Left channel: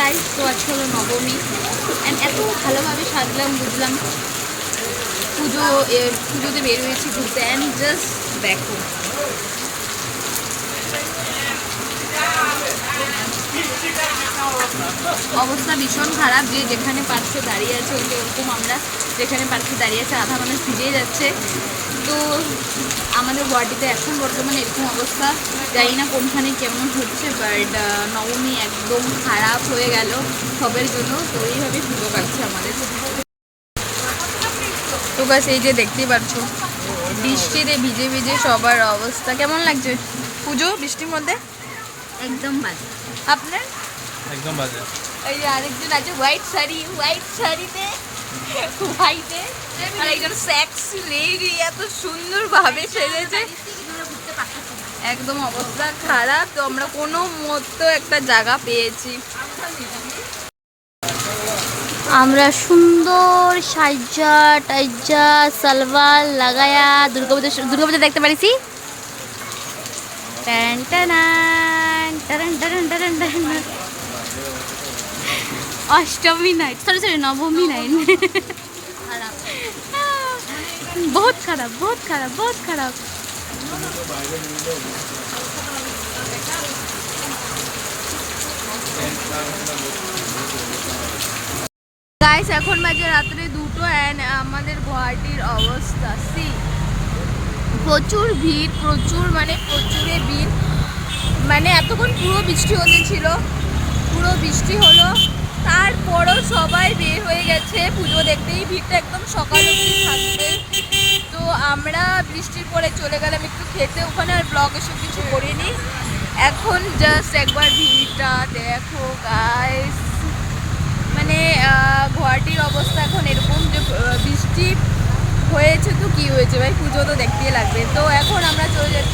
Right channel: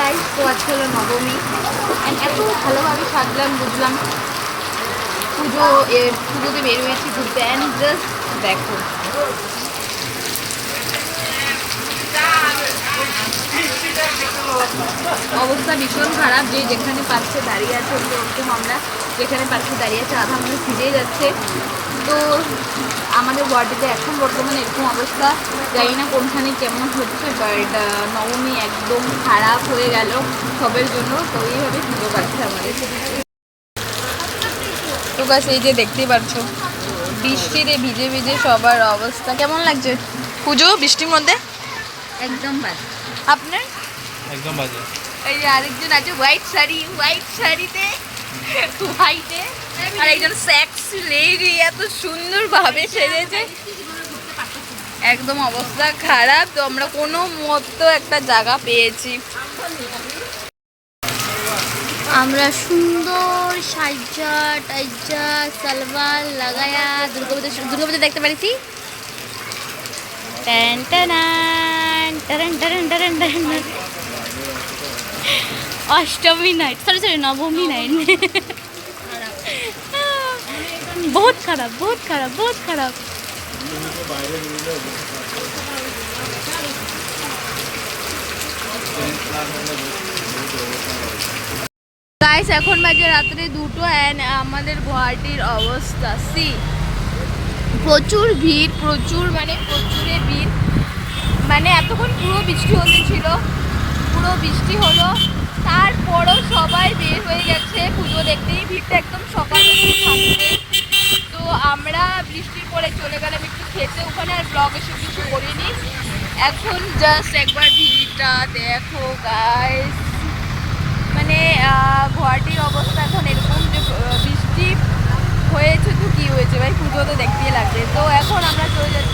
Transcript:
Guys, তো আজকে হলো নবমী অ্যান্ড এত ভালোভাবে সাজলাম বুঝলাম পুজোতে বের হয়েছি ঘুরতে অ্যান্ড জাস্ট দেখো অবস্থা ভীষণ খারাপ। যে যেখানে পাচ্ছে দাঁড়িয়ে আছে ওরকম আমরা যেখানে পাচ্ছে দাঁড়িয়ে আছে আধা মানুষ ফিরে যাচ্ছে। তো আমাদের ওয়ার্ডেতে এখন বর্তমানে এরকম অবস্থা, জানি না কোনখানে কেমন হচ্ছে, বাট নবমী একদম খারাপ হয়ে গেল সবের জন্য। তো এইভাবে পুজো কাটছে আমাদের। তো বাস এই যে দেখতেই পাচ্ছ বৃষ্টিতে ভিজে ভিজে সবার অবস্থা। কেমন লাগছে পুজো বৃষ্টির মধ্যে? একদম বাজে। আপনার? একদম বাজে। এই যে আরেকজন আছে হোয়াইট শাড়িতে হোয়াইটে, আর একজন সেক্সি লেডি এত সুন্দর ভাবে সেজেছে, একদম অবস্থা খারাপ। তো আমরা কোনো মতো একটা জায়গা পেয়েছি, আমরা সুন্দর সাজা টাইজা সালভার লাগায়া দুর্গাপুজো দেখতে পারিছি। अष्टमी नाइट सॉरी नवमी नाइट बहुत खराब গাইস এখন বাজে রাত্রে 2টো অ্যান্ড আমাদের গুয়াহাটির অবস্থা সি প্রচুর ভিড়, প্রচুরে ভিড়। মানে এতক্ষণ পুরো বৃষ্টি হলো তারপরও সবাই বের হয়ে গেছে পুজো দেখতেই। ভিড়টা একদম সকাল অবধি থাকবে। তো আমরা বৃষ্টির পরে চলে গেলাম একটু খেতে ওখানে, আর ব্লগ এসে কিছু করিনি। এখন জাস্ট একবার ভিড়টা দেখো গাইস, মানে গুয়াহাটির অবস্থা এখন এরকম যে বৃষ্টি হয়েছে তো কি হয়েছে ভাই, পুজো তো দেখতেই লাগবে। তো এখন আমরা চলে যাচ্ছি